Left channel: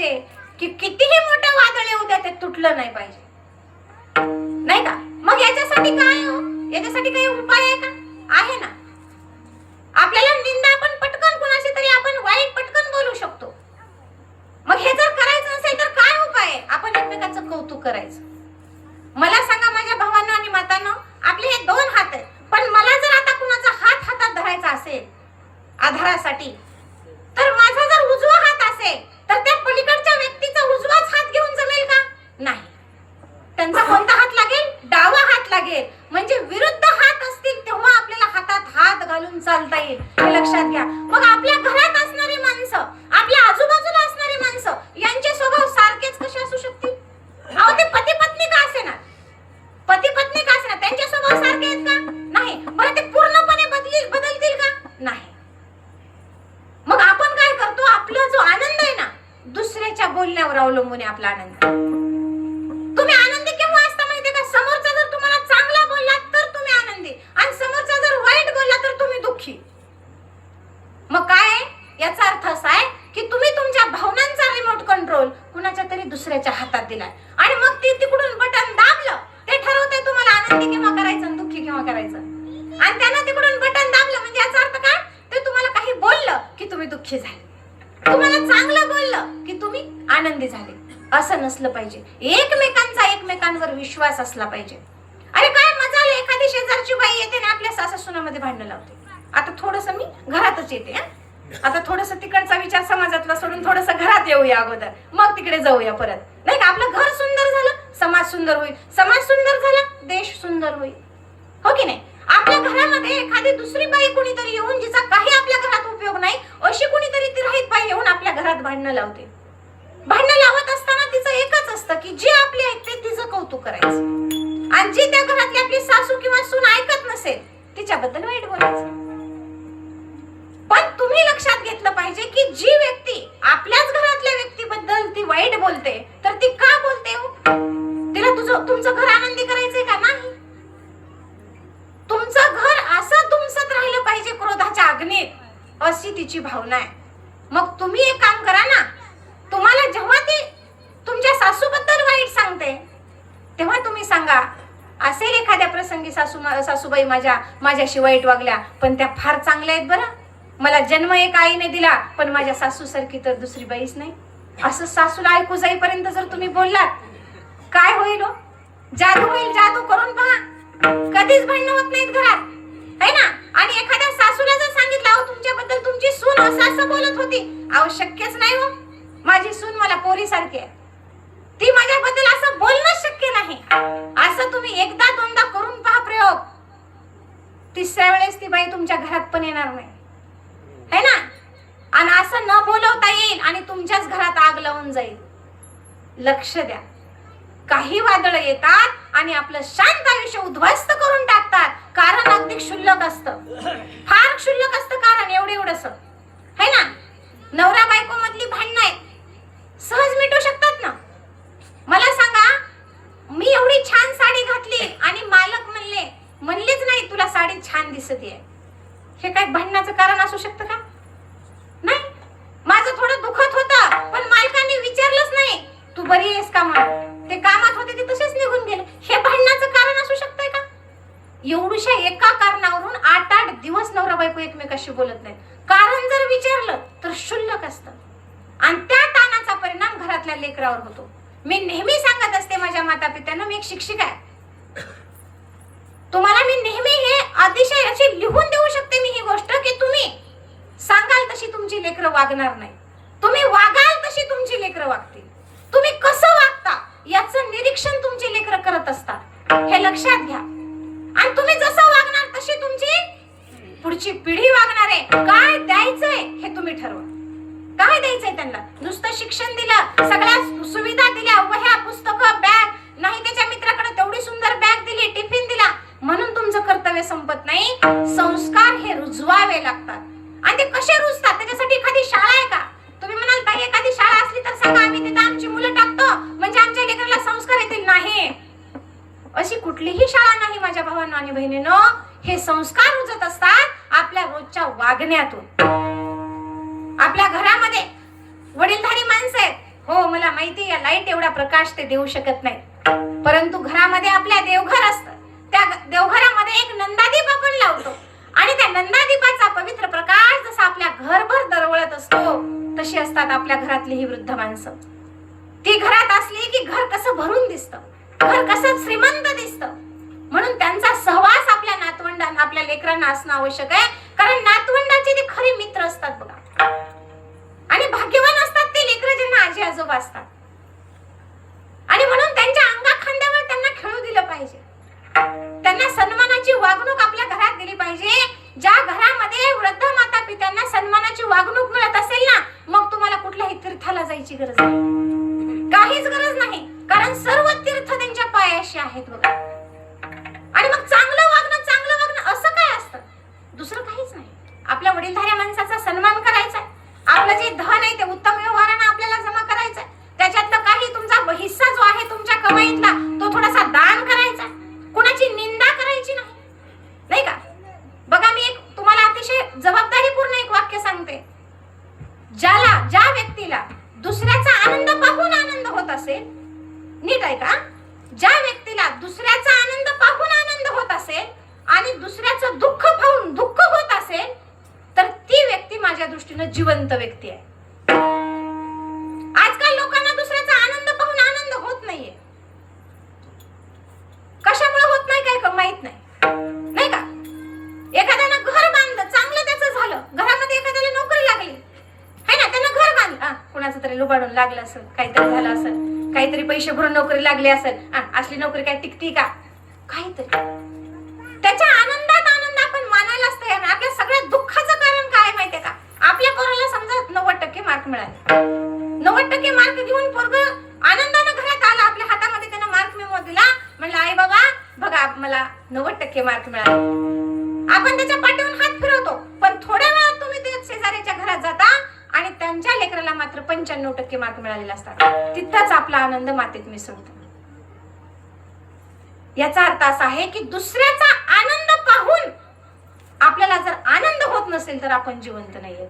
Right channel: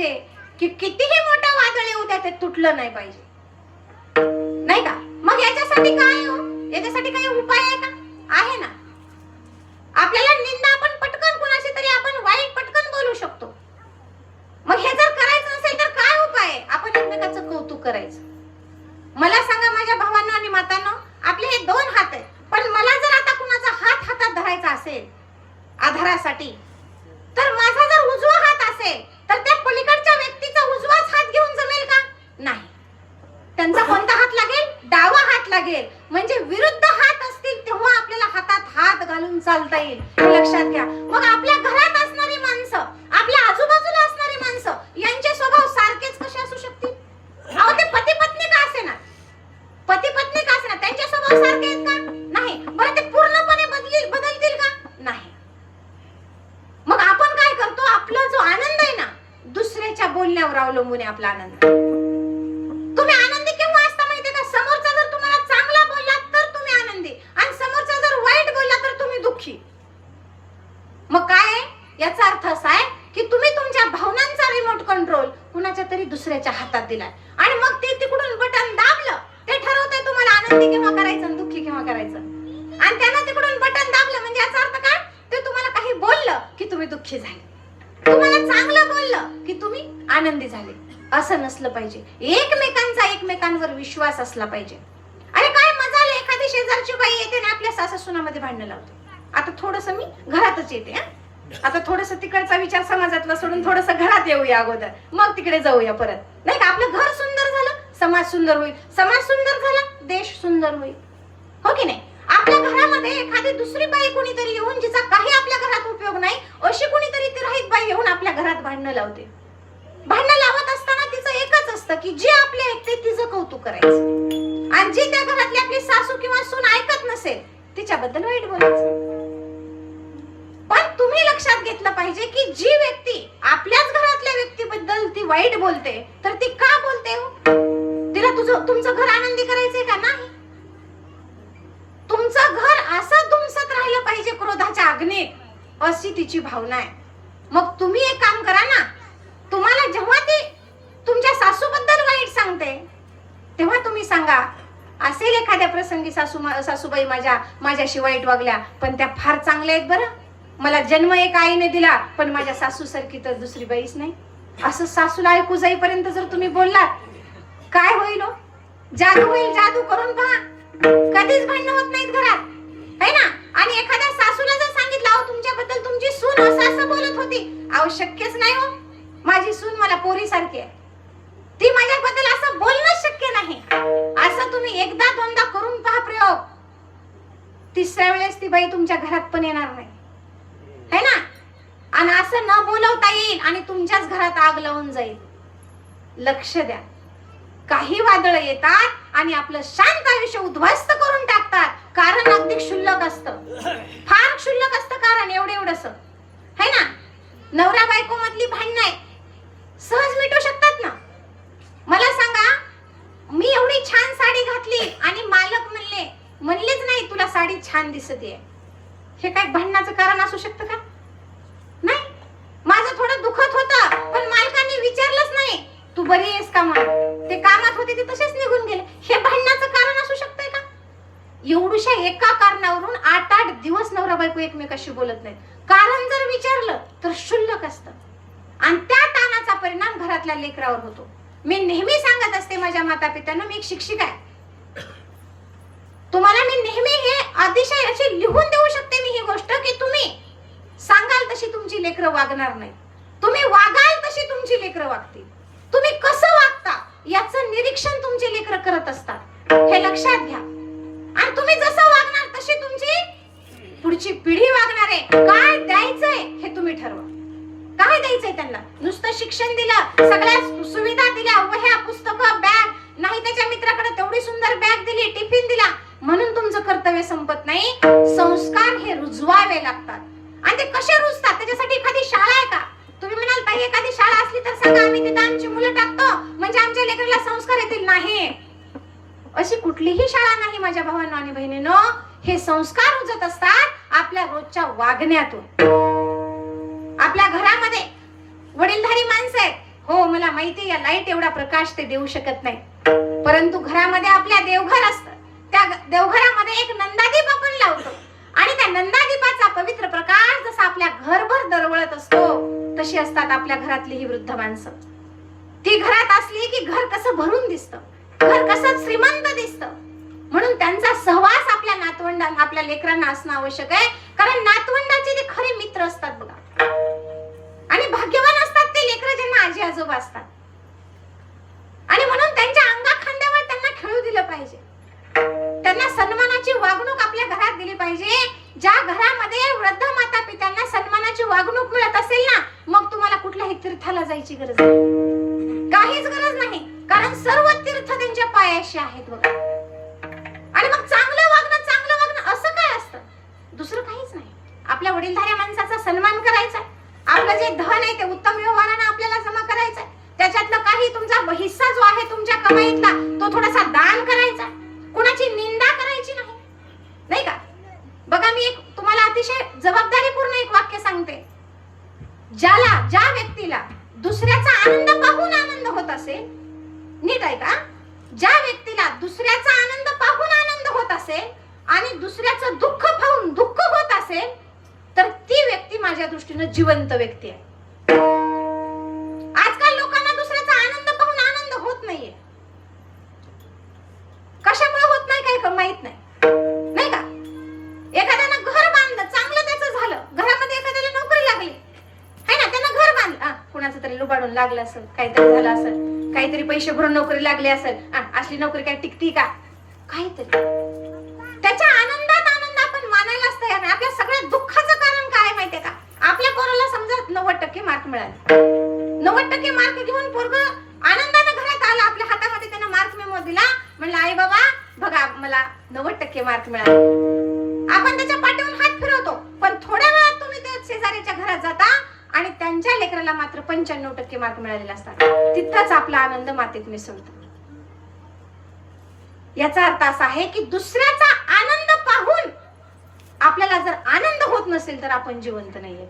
पाहिजे की कितीही मोठं वादळ येऊ द्या ते तुटलं नाही पाहिजे, नाही का? मग याच्यासाठी काय हो? याच्यासाठी काही उपाय आहे का? आहे ना. आपल्याला निंदा आपण पटकन कुणाशी तरी आपण वाईट पटकन बोलू शकतो. मग हे जर करायचं नसेल तर काय उपाय आहे? आपण एकमेकांचं कौतुक करायचं. मला सांगा माझ्या भावांनो आणि मातांनो, आपले हे दोन हात आहेत, पण मला जर आता कुणाचा हात हातात धरायचा असेल आधारासाठी, तर माझा जर उजवा हात असेल तर त्या पलीकडच्या व्यक्तीचा उजवाच हात घेऊन जमेल का? नाही. त्यांचा कोणता हात लागेल? डावा हात लागेल. म्हणजे विरुद्ध हात असतील तेव्हा आपल्याला हातात हात घालून चालता येईल, हे लक्षात घ्या. मग आपल्या घरात असणारी माणसं, आपल्या आजूबाजूला असणारी माणसं यांचे स्वभाव सारखेच कसे असू शकतील? अहो, ते पती पत्नी का असेना, पती पत्नी का असेना, त्यांचे स्वभाव सारखे आहेत का? नाही. बरं, ते पूर्णपणे बदलतील का? नाही. मग आपण काय करतो? आपला जो आनंद आहे ना, दुसऱ्याच्या बोलण्यावर अवलंबून आहे आपला आनंद. तुम्ही आनंदी केव्हा असता माहितीये का? समोरचा जर तुम्हाला चांगला बोलला तर तुम्ही आनंदी, आणि समोरचा जर वाईट बोलला तर तुम्ही दुःखी. मग काय? याचा अर्थ असा आहे की तुम्ही तुमच्या भावनांचा रिमोट कंट्रोल कुणाच्या तरी दुसऱ्याच्या हातात दिलाय, आणि मग ते तिकडून बटन दाबलं, ते ठरवतंय तुम्हाला आनंदी केव्हा करायचं आणि दुःखी केव्हा करायचं. आणि त्यानं तिकडून बटन दाबलं म्हणजे याचा अर्थ काय? ते तुम्हाला काही बोललं की तुम्ही दुःखी झाले, तुम्हाला चांगलं बोललं की तुम्ही आनंदी झाले. असं नसलं पाहिजे. एकमेकांवर विश्वास असला पाहिजे. अरे काय मजा आली, एखादी शेजारची बाई येते ना आपल्या सासू-सुनामध्ये भांडणं लावते. आता थोडंसं मी घरातच येते, आता थोडंसं तिकडचा विचार समाजातला सोडून थोडंसं घरात येऊया अगोदर, मग तिकडे जाऊया परत, नाही का? आपलं घर सुंदर झालं, समाज सुंदर होईल, समाज सुंदर झाला, देश सुंदर होईल, हो की नाही? आपल्या घरामध्ये एखादी दुसरी बाई कुणीतरी येऊन, जिचा काही आपल्या घरात उपयोग नाही, अशी कुणीतरी ती रहित बाई येऊन आपल्या घरात भांडणं लावते. भांडणं लावत असताना तिचं एकच असतं की जी आपली ऐकते तिचं कौतुक करायचं, आणि जी त्या घरातली आपली सासू किंवा सून ऐकत नसेल तिच्याबद्दल वाईट बोलायचं. पण तुम्ही लक्षात घेतलं पाहिजे की जी व्यक्ती आपल्याच घरातल्या व्यक्तीबद्दल ती वाईट बोलते, तर ती का बोलते? तिला तुमचं घर आनंदी करायचंय का? नाही. तुमचं घर असं तुमचंच राहिलं पाहिजे क्रोधाच्या अग्नीत, अशी तिची भावना आहे. मग तुम्ही एक काम करा ना, तुम्हाला जेव्हा ती तुमच्या सासूबद्दल वाईट सांगते तेव्हा तुम्ही सांगा, असेल एखाद्या प्रसंगी सासूबाई माझ्याशी वाईट वागल्या, पण त्या फार चांगल्या आहेत बरं, मला जन्म एक आईने दिला, पण माझ्या सासूसारखी तर दुसरी बाईच नाही. असं सासूला ऐकू जाईपर्यंत जर तुम्ही बोललात, काय होईल? जादू होईल. जादू करून पहा, कधीच भांडण होत नाहीत घरात, है ना? आणि एखाद्या सासूला जर सांगितलं, अहो तुमच्याबद्दल तुमची सून असं बोलत होती, अहो शक्यच नाही हो, माझी सून मला पोरीसारखी आहे, ती माझ्याबद्दल असं बोलणं शक्य नाही. असं तुम्ही एकदा दोनदा करून पहा प्रयोग, तिसऱ्या वेळेस ती बाई तुमच्या घरात पण येणार नाही, है ना? आणि असं न बोलवता येईल आणि तुमच्याच घरात आग लावून जाईल. लक्ष द्या, काही वादळ येतात आणि आपलं शांत आयुष्य उद्ध्वस्त करून टाकतात. कारण अगदी क्षुल्लक असतं, फार क्षुल्लक असतं कारण, एवढंसं, है ना? नवरा बायको मधली भांडणं आहेत, सहज मिटू शकतात ना. मला सांगा, मी एवढी छान साडी घातली आणि मालक म्हणलेच नाही तुला साडी छान दिसतेय, हे काय भांडणाचं कारण असू शकतं का? नाही. माझं थोडं दुखत होतं पण मालकाने विचारलंच नाही तू बरी आहेस का म्हणून, ते कामात होते ते तसेच निघून गेले, हे भांडणाचं कारण असू शकतंय का? एवढ्या एका कारणावरून 8-8 दिवस नवरा बायको एकमेकाशी बोलत नाहीत. कारण जर विचारलं तर क्षुल्लक असतं, आणि त्या ताणाचा परिणाम घरातल्या लेकरावर होतो. मी नेहमी सांगत असते माझ्या माता पित्यांना, मी एक शिक्षिका आहे, तुम्हाला मी नेहमी हे अतिशय अशी लिहून देऊ शकते मी ही गोष्ट, की तुम्ही सांगाल तशी तुमची लेकरं वागणार नाही, तुम्ही वागाल तशी तुमची लेकरं वागतील. तुम्ही कसं वागता याचं निरीक्षण तुमची लेकरं करत असतात, हे लक्षात घ्या. आणि तुम्ही जसं वागणार तशी तुमची पुढची पिढी वागणार आहे. काय द्यायचंय हे तुम्ही ठरवा. काय द्यायचंय त्यांना? नुसतं शिक्षण दिलं, सगळ्या सुविधा दिल्या, वह्या पुस्तकं बॅग नाही, त्याच्या मित्राकडे तेवढी सुंदर बॅग दिली, टिफिन दिला म्हणून तुमचं कर्तव्य संपत नाही. संस्कार हे रुजवावे लागतात, आणि ते कसे रुजतात त्याच्यासाठी एखादी शाळा आहे का? तुम्ही म्हणाल ताई एखादी शाळा असली तर सांगा, आम्ही तिथे आमची मुलं टाकतो म्हणजे आमच्या लेकराला संस्कार येतील. नाही, अशी कुठलीही शाळा नाही माझ्या भावांनो आणि बहिणींनो. हे संस्कार रुजत असतात आपल्या रोजच्या वागण्यातून. आपल्या घरामध्ये वडीलधारी माणसं आहेत, हो मला माहिती या लाईट एवढा प्रकाश ते देऊ शकत नाही, परंतु घरामध्ये आपल्या देवघर असतं, त्या देवघरामध्ये एक नंदादीप आपण लावतो आणि त्या नंदादीपाचा पवित्र प्रकाश जसा आपल्या घरभर दरवळत असतो तशी असतात आपल्या घरातली ही वृद्ध माणसं. ती घरात असली की घर कसं भरून दिसतं, घर कसं श्रीमंत दिसतं. म्हणून त्यांचा सहवास आपल्या नातवंडांना आपल्या लेकरांना असणं आवश्यक आहे, कारण नातवंडाचे ते खरे मित्र असतात बघा. आणि भाग्यवान असतात ते लेकरं ज्यांना आजी आजोबा असतात. आणि म्हणून त्यांच्या अंगाखांद्यावर त्यांना खेळू दिलं पाहिजे, त्यांना सन्मानाची वागणूक आपल्या घरात दिली पाहिजे. ज्या घरामध्ये वृद्ध माता पित्यांना सन्मानाची वागणूक मिळत असेल ना, मग तुम्हाला कुठल्याही तीर्थाला जायची गरज नाही, काहीच गरज नाही, कारण सर्व तीर्थ त्यांच्या पायाशी आहेत बघा. आणि मग चांगलं वागणं असं काय असतं, दुसरं काहीच नाही. आपल्या वडीलधाऱ्या माणसाचा सन्मान करायचा, आपलं जे धन आहे ते उत्तम व्यवहाराने आपल्याला जमा करायचं, त्याच्यातलं काही तुमचा हिस्सा जो आहे तुमच्या कमाईतला तो थोडासा दान करायचा, कोणाची निंदा करायची नाही, नाही का. बघा मी एक तुम्हाला अतिशय जबाबदारीपूर्ण एक वाक्य सांगते. ज्या व्यक्तीला दुसऱ्याचा आनंद पाहून आनंद होत असेल, नीट आहे का, ज्या व्यक्तीला दुसऱ्याचा आनंद पाहून आनंद होत असेल आणि दुसऱ्याचं दुःख पाहून दुःख होत असेल, तर ती व्यक्ती माझ्या दृष्टीनं जिवंत व्यक्ती आहे. आजकाल लोकांना दुसऱ्याचा आनंद पाहून आनंद होत नाहीये. कशामुळे होत नाही काय माहित नाही, नाही का. एखाद्यानं घर बांधलं, चांगलं त्याचं झालं, घरामध्ये एखाद्याला नोकरी लागली है ना, त्यानं घर बांधलं, कुणाचं तरी लुबाडून लागलं असेल, काहीतरी झालं असेल, काहीतरी पैसे भरून नोकरी लागली असेल, असली नोकरी काय टिकती का, काहीतरी त्याच्या आनंदात आनंद आपण मानायलाच तयार नाही. आपल्या सगळ्या दुःखाचं कारण काय माहितीये का, आपल्या पोराला समजा 90% मार्क मिळाले, 90% मार्क घेऊन पोरग आनंदाने घरात आला, आपल्या हातामध्ये त्यानं मार्क मेमो दिला, म्हणलं आई बाबा बघा मला 90% मार्क मिळाले. आपण त्याच्या पाठीवरून हात फिरवतो, पण थोड्या वेळात तुम्ही त्या शेजारीच्या घरात जाता आणि त्यांच्या लेकराला मात्र 95% मार्क मिळालेले असतात. तिथंच आपला आनंद मातीत मिसळतो. याचा अर्थ असा आहे की दुसऱ्याचा आनंद पाहून आपल्याला जर आनंद होत नसेल तर आपण जिवंत नाहीये.